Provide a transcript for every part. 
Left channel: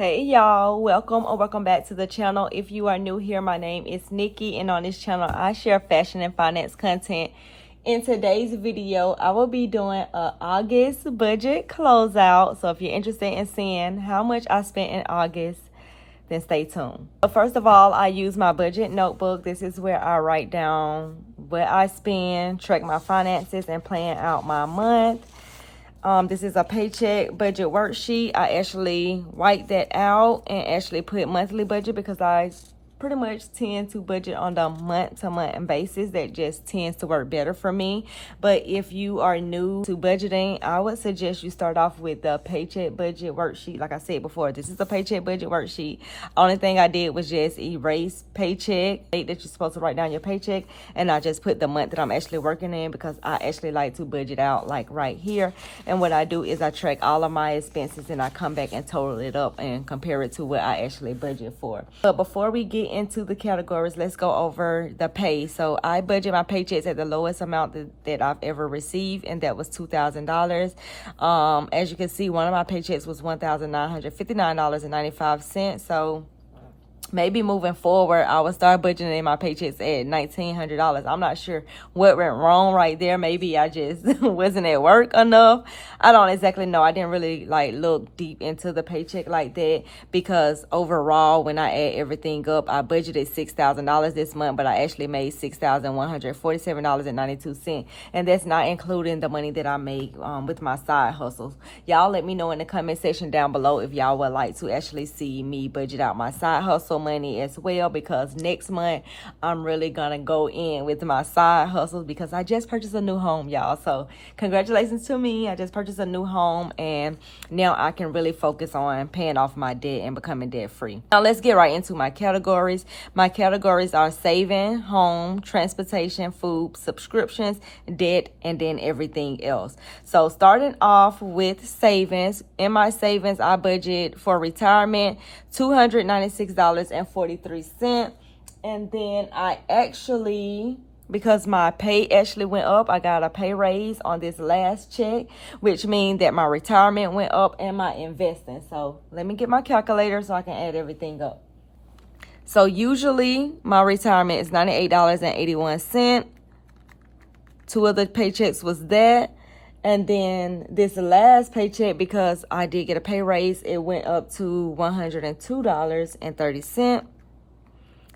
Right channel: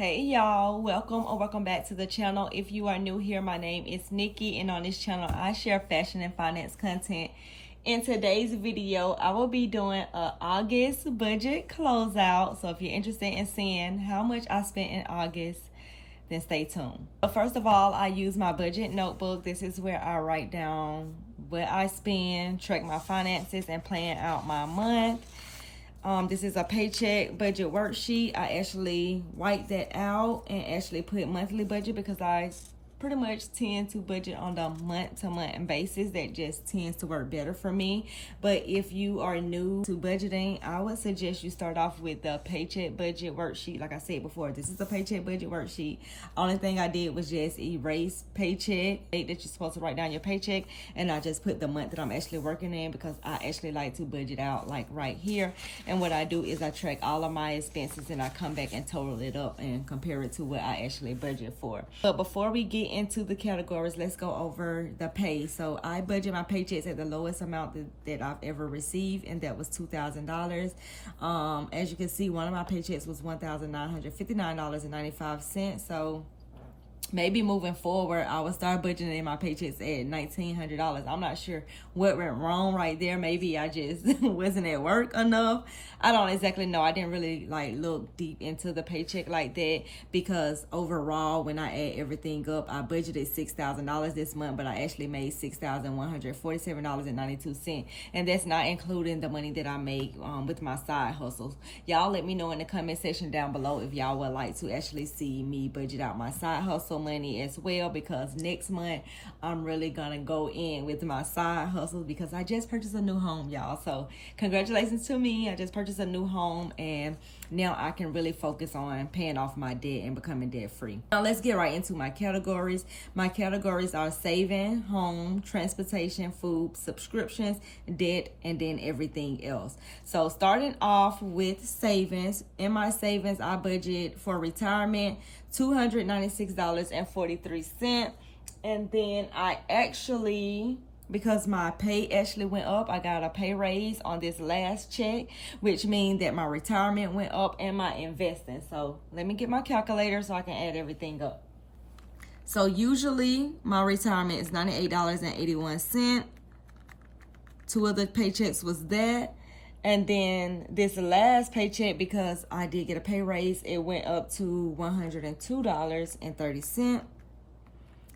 Hey y'all, welcome or welcome back to the channel. If you are new here, my name is Nikki, and on this channel I share fashion and finance content. In today's video, I will be doing a August budget closeout. So if you're interested in seeing how much I spent in August, then stay tuned. But first of all, I use my budget notebook. This is where I write down what I spend, track my finances, and plan out my month. This is a paycheck budget worksheet. I actually write that out and actually put monthly budget because I pretty much tend to budget on the month-to-month basis. That just tends to work better for me. But if you are new to budgeting, I would suggest you start off with the paycheck budget worksheet. Like I said before, this is a paycheck budget worksheet. Only thing I did was just erase paycheck, date that you're supposed to write down your paycheck, and I just put the month that I'm actually working in because I actually like to budget out like right here. And what I do is I track all of my expenses and I come back and total it up and compare it to what I actually budget for. But before we get into the categories, let's go over the pay. So I budget my paychecks at the lowest amount that I've ever received, and that was $2,000. As you can see, one of my paychecks was $1,959.95. So maybe moving forward, I will start budgeting my paychecks at $1,900. I'm not sure what went wrong right there. Maybe I just wasn't at work enough. I don't exactly know. I didn't really look deep into the paycheck like that because overall, when I add everything up, I budgeted $6,000 this month, but I actually made $6,147.92. And that's not including the money that I make with my side hustles. Y'all let me know in the comment section down below if y'all would like to actually see me budget out my side hustle money as well, because next month I'm really gonna go in with my side hustles because I just purchased a new home, y'all. So congratulations to me. I just purchased a new home and now I can really focus on paying off my debt and becoming debt free. Now let's get right into my categories. My categories are saving, home, transportation, food, subscriptions, debt, and then everything else. So starting off with savings, in my savings I budget for retirement $296.43, and then I actually, because my pay actually went up, I got a pay raise on this last check, which means that my retirement went up and my investing. So let me get my calculator so I can add everything up. So usually my retirement is $98.81. Two of the paychecks was that. And then this last paycheck, because I did get a pay raise, it went up to $102.30.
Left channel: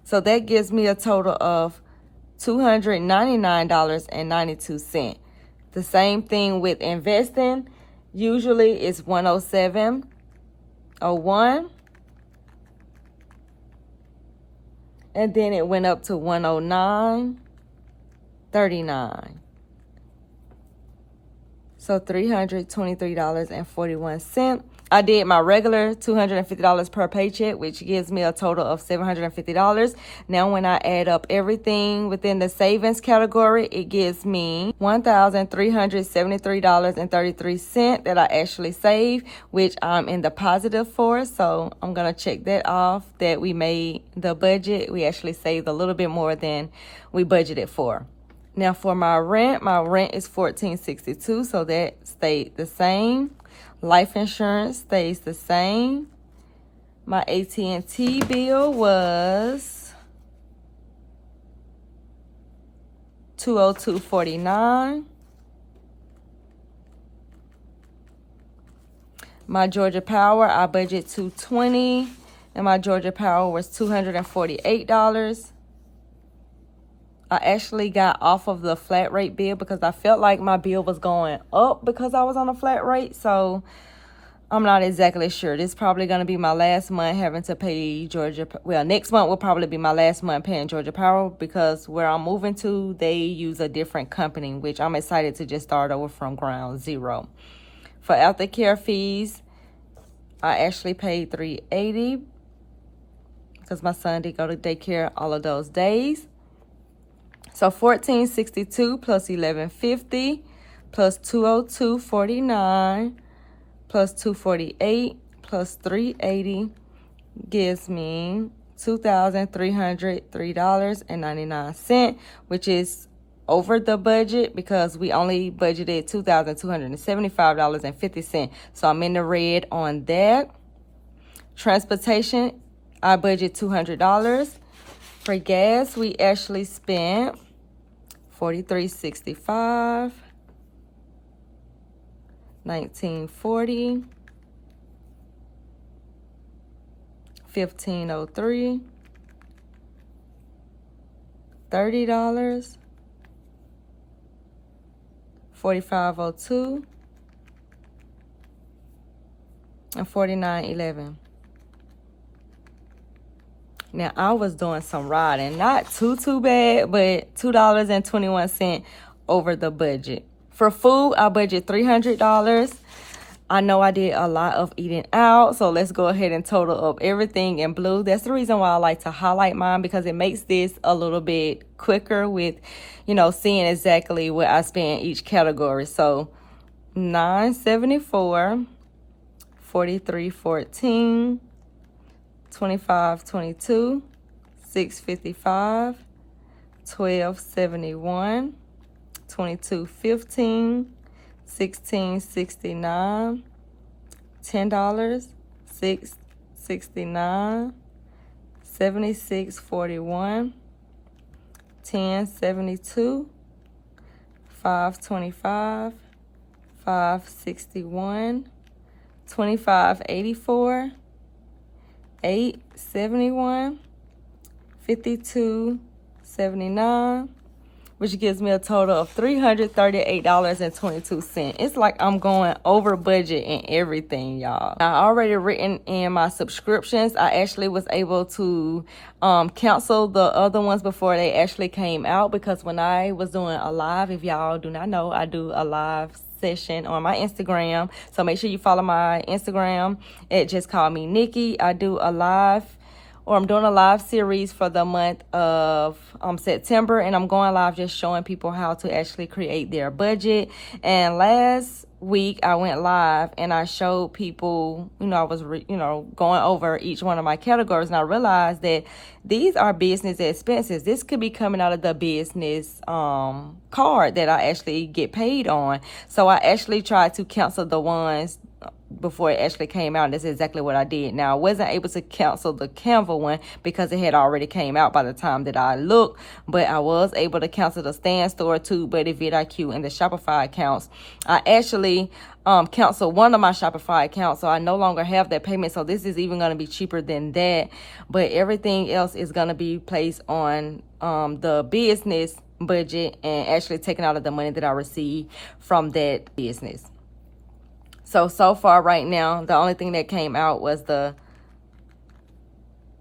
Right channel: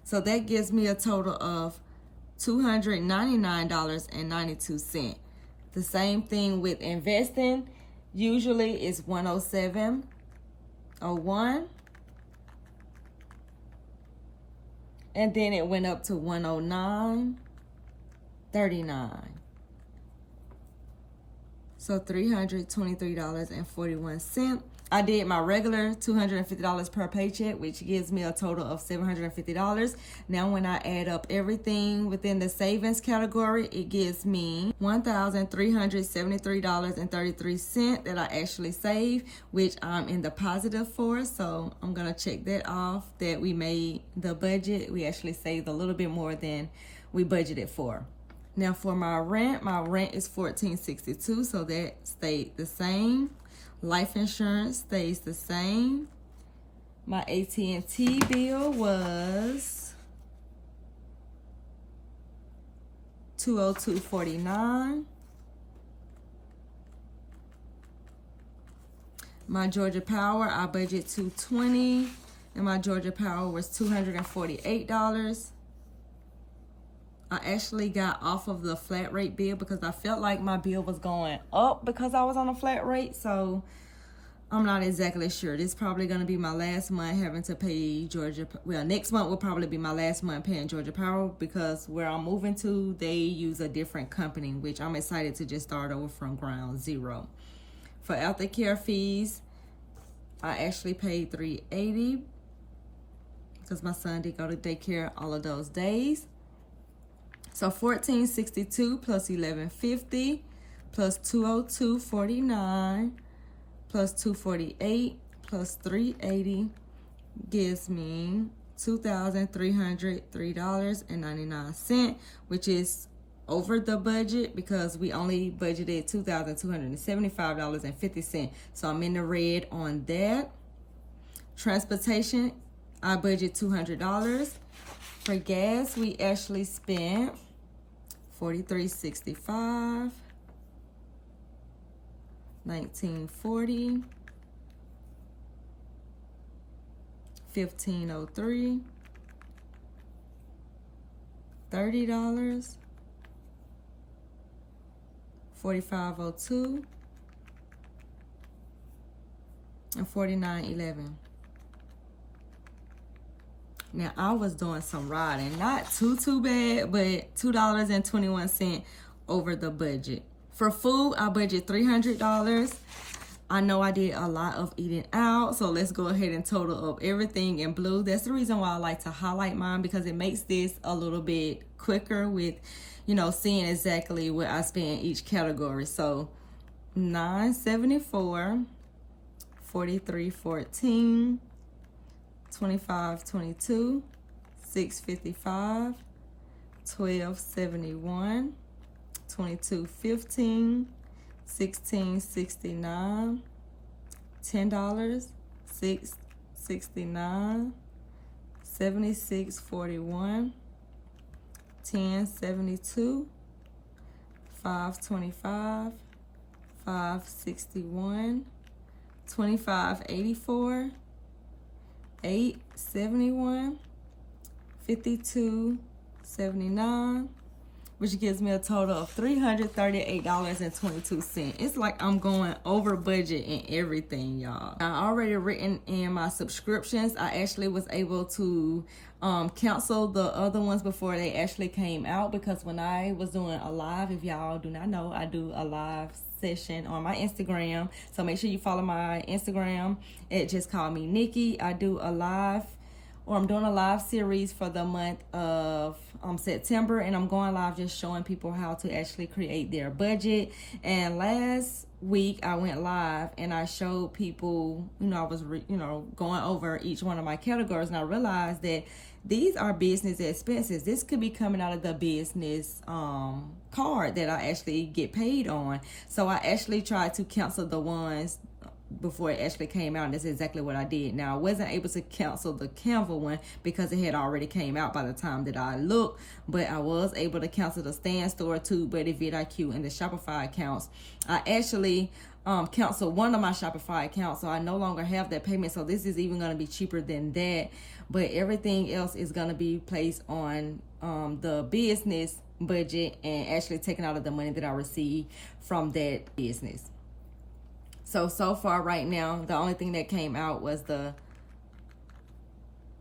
So that gives me a total of $299.92. The same thing with investing. Usually it's $107.01. And then it went up to $109.39. So $323.41. I did my regular $250 per paycheck, which gives me a total of $750. Now, when I add up everything within the savings category, it gives me $1,373.33 that I actually saved, which I'm in the positive for. So I'm going to check that off, that we made the budget. We actually saved a little bit more than we budgeted for. Now for my rent is $1,462, so that stayed the same. Life insurance stays the same. My AT&T bill was $202.49. My Georgia Power, I budget $220, and my Georgia Power was $248. I actually got off of the flat rate bill because I felt like my bill was going up because I was on a flat rate. So I'm not exactly sure. This is probably going to be my last month having to pay Georgia. Well, next month will probably be my last month paying Georgia Power because where I'm moving to, they use a different company, which I'm excited to just start over from ground zero. For aftercare fees, I actually paid $380 because my son did go to daycare all of those days. So $1,462 plus $1,150 plus $202.49 plus $248 plus $380 gives me $2,303.99, which is over the budget because we only budgeted $2,275.50. So I'm in the red on that. Transportation, I budget $200. For gas, we actually spent $43.65, $19.40, $15.03, $30, $45.02, and $49.11. Now, I was doing some riding. Not too bad, but $2.21 over the budget. For food, I budget $300. I know I did a lot of eating out, so let's go ahead and total up everything in blue. That's the reason why I like to highlight mine, because it makes this a little bit quicker with, you know, seeing exactly what I spend in each category. So $9.74, $43.14, $25.22, $6.55, $12.71, $22.15, $16.69, $10, $6.69, $76.41, $10.72, $5.25, $5.61, $25.84, $8.71, $52.79, which gives me a total of $338.22. It's like I'm going over budget in everything, y'all. I already written in my subscriptions. I actually was able to cancel the other ones before they actually came out, because when I was doing a live, if y'all do not know, I do a live session on my Instagram. So make sure you follow my Instagram. It just called me Nikki. I do a live, or I'm doing a live series for the month of September, and I'm going live just showing people how to actually create their budget. And last week I went live and I showed people, you know, I was going over each one of my categories, and I realized that these are business expenses. This could be coming out of the business card that I actually get paid on. So I actually tried to cancel the ones before it actually came out, and that's exactly what I did. Now, I wasn't able to cancel the Canva one because it had already came out by the time that I looked, but I was able to cancel the Stan Store, Too Buddy, vidIQ, and the Shopify accounts. I actually canceled one of my Shopify accounts, so I no longer have that payment, so this is even going to be cheaper than that, but everything else is going to be placed on the business budget and actually taken out of the money that I received from that business. So far right now, the only thing that came out was the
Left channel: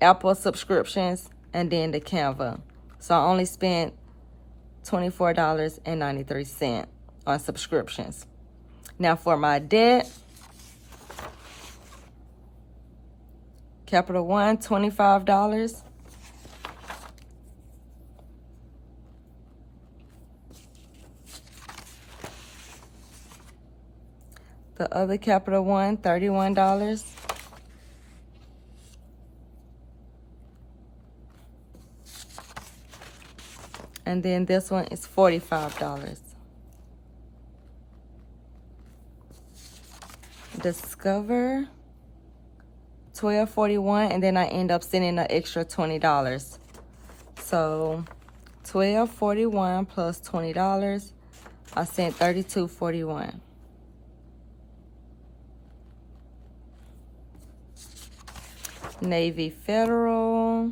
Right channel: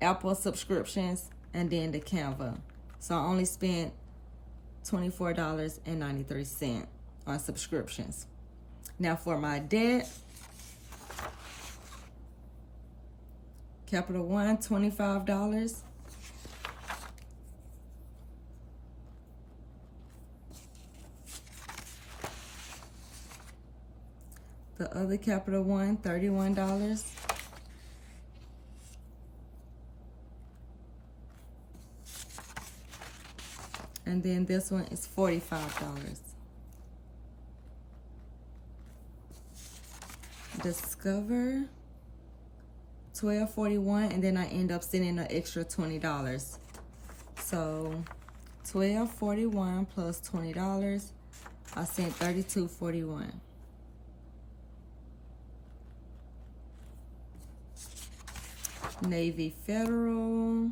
Apple subscriptions and then the Canva. So I only spent $24.93 on subscriptions. Now for my debt, Capital One, $25. The other Capital One, $31. And then this one is $45. Discover, $12.41, and then I end up sending an extra $20. So $12.41 plus $20, I sent $32.41. Navy Federal.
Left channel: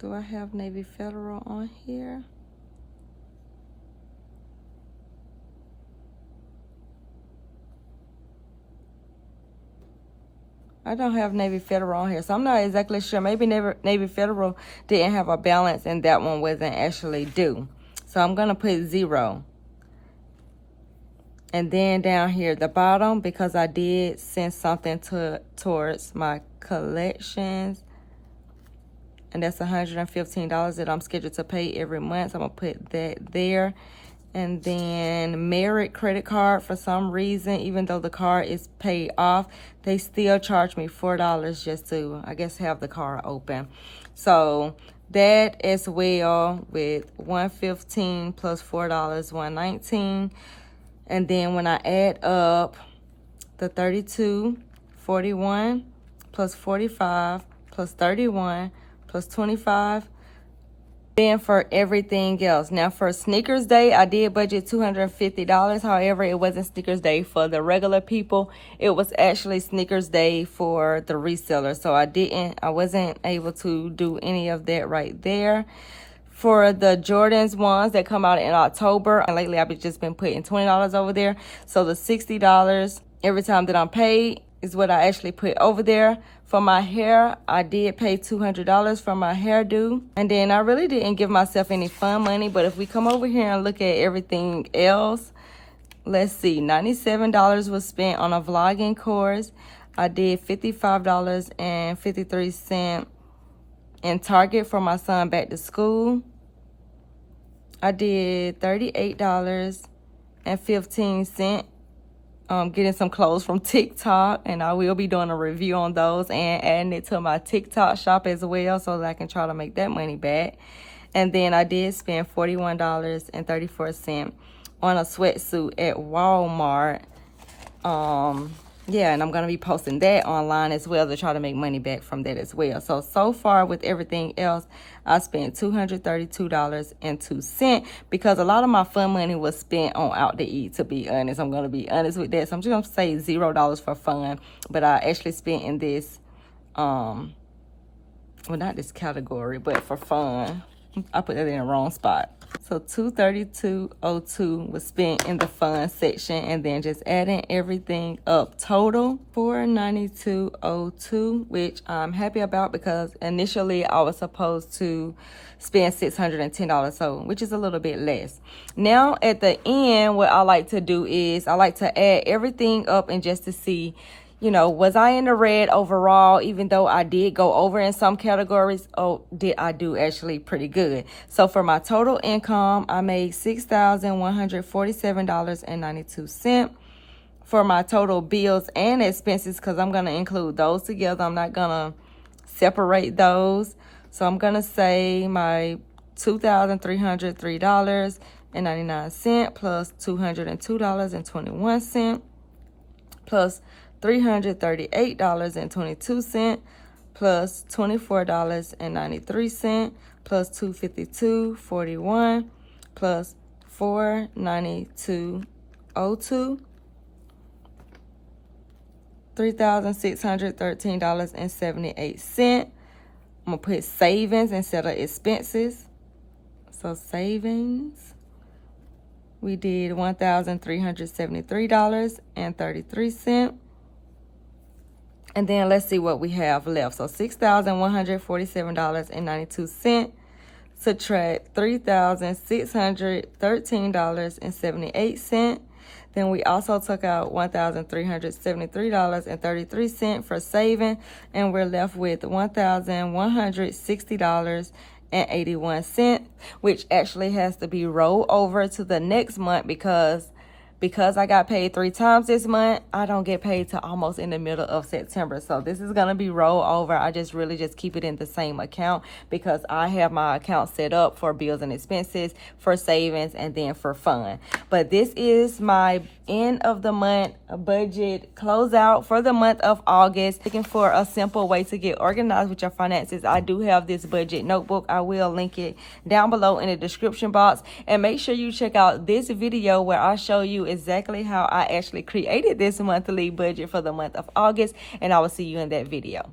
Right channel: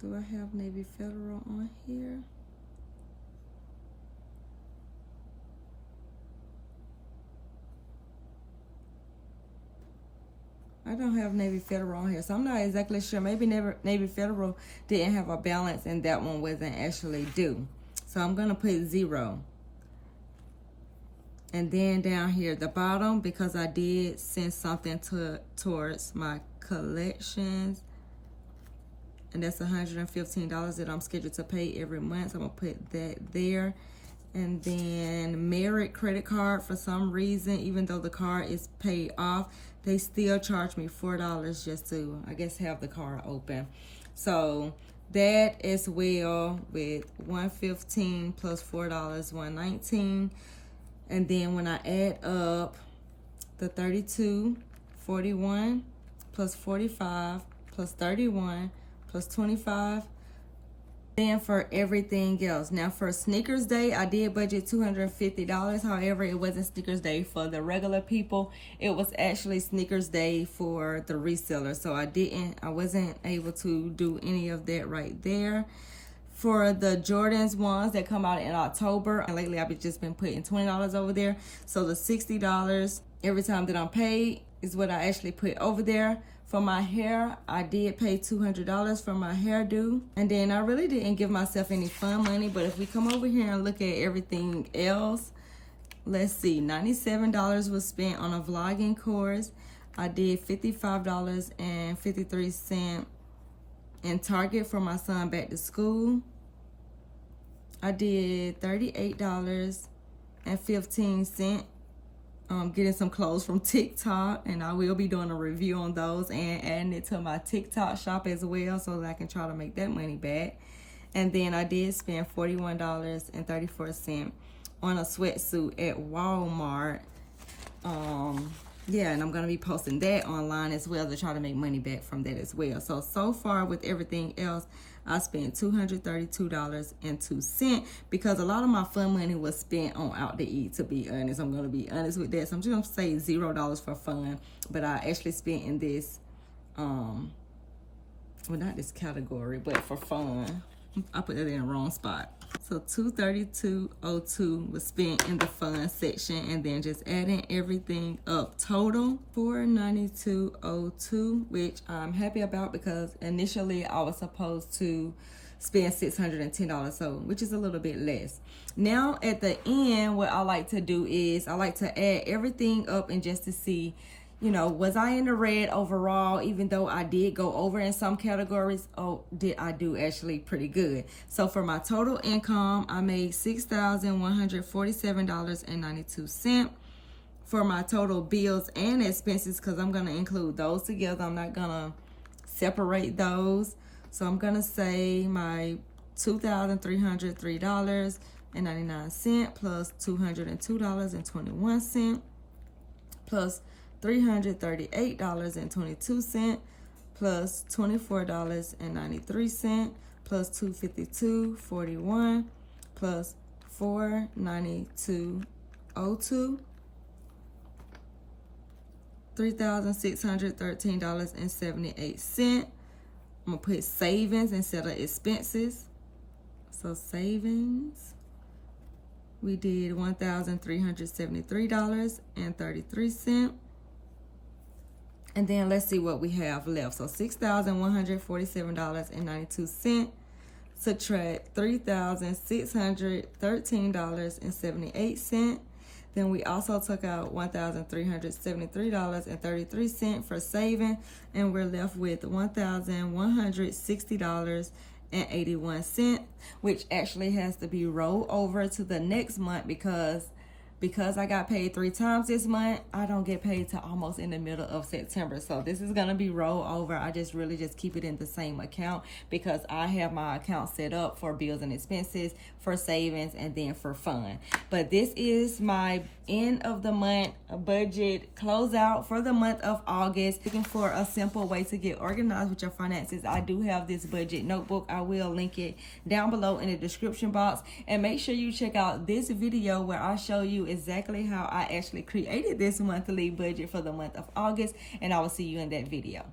Do I have Navy Federal on here? I don't have Navy Federal on here, so I'm not exactly sure. Maybe Navy Federal didn't have a balance and that one wasn't actually due. So I'm gonna put 0. And then down here at the bottom, because I did send something towards my collections, and that's $115 that I'm scheduled to pay every month. So I'm gonna put that there. And then Merit credit card, for some reason, even though the card is paid off, they still charge me $4 just to, I guess, have the card open. So that as well, with $115 plus $4, $119. And then when I add up the $32.41 41 plus 45 plus 31 plus 25. Then for everything else. Now for Sneakers Day, I did budget $250. However, it wasn't Sneakers Day for the regular people. It was actually Sneakers Day for the reseller. So I wasn't able to do any of that right there. For the Jordans ones that come out in October, and lately I've just been putting $20 over there. So the $60 every time that I'm paid is what I actually put over there. For my hair, I did pay $200 for my hairdo. And then I really didn't give myself any fun money. But if we come over here and look at everything else, let's see, $97 was spent on a vlogging course. I did $55.53 in Target for my son back to school. I did $38.15 getting some clothes from TikTok, and I will be doing a review on those and adding it to my TikTok shop as well so that I can try to make that money back. And then I did spend $41.34 on a sweatsuit at Walmart. Yeah, and I'm going to be posting that online as well to try to make money back from that as well. So far with everything else, I spent $232.02 because a lot of my fun money was spent on out to eat, to be honest. I'm going to be honest with that. So I'm just going to say $0 for fun, but I actually spent in this, well, not this category, but for fun. I put that in the wrong spot. So $232.02 was spent in the fun section, and then just adding everything up total $492.02, which I'm happy about because initially I was supposed to spend $610, so which is a little bit less. Now at the end, what I like to do is I like to add everything up and just to see, you know, was I in the red overall? Even though I did go over in some categories, did I do actually pretty good? So for my total income, I made $6,147.92. For my total bills and expenses, because I'm going to include those together, I'm not going to separate those. So I'm going to say my $2,303.99 plus $202.21 plus $338.22 plus $24.93 plus $252.41 plus $492.02, $3,613.78. I'm gonna put savings instead of expenses. So savings, we did $1,373.33. And then let's see what we have left. So $6,147.92. Subtract $3,613.78. Then we also took out $1,373.33 for saving, and we're left with $1,160.81, which actually has to be rolled over to the next month because I got paid 3 times this month. I don't get paid till almost in the middle of September. So this is going to be rolled over. I just really just keep it in the same account because I have my account set up for bills and expenses, for savings, and then for fun. But this is my end of the month budget closeout for the month of August. Looking for a simple way to get organized with your finances, I do have this budget notebook. I will link it down below in the description box. And make sure you check out this video where I show you exactly how I actually created this monthly budget for the month of August, and I will see you in that video.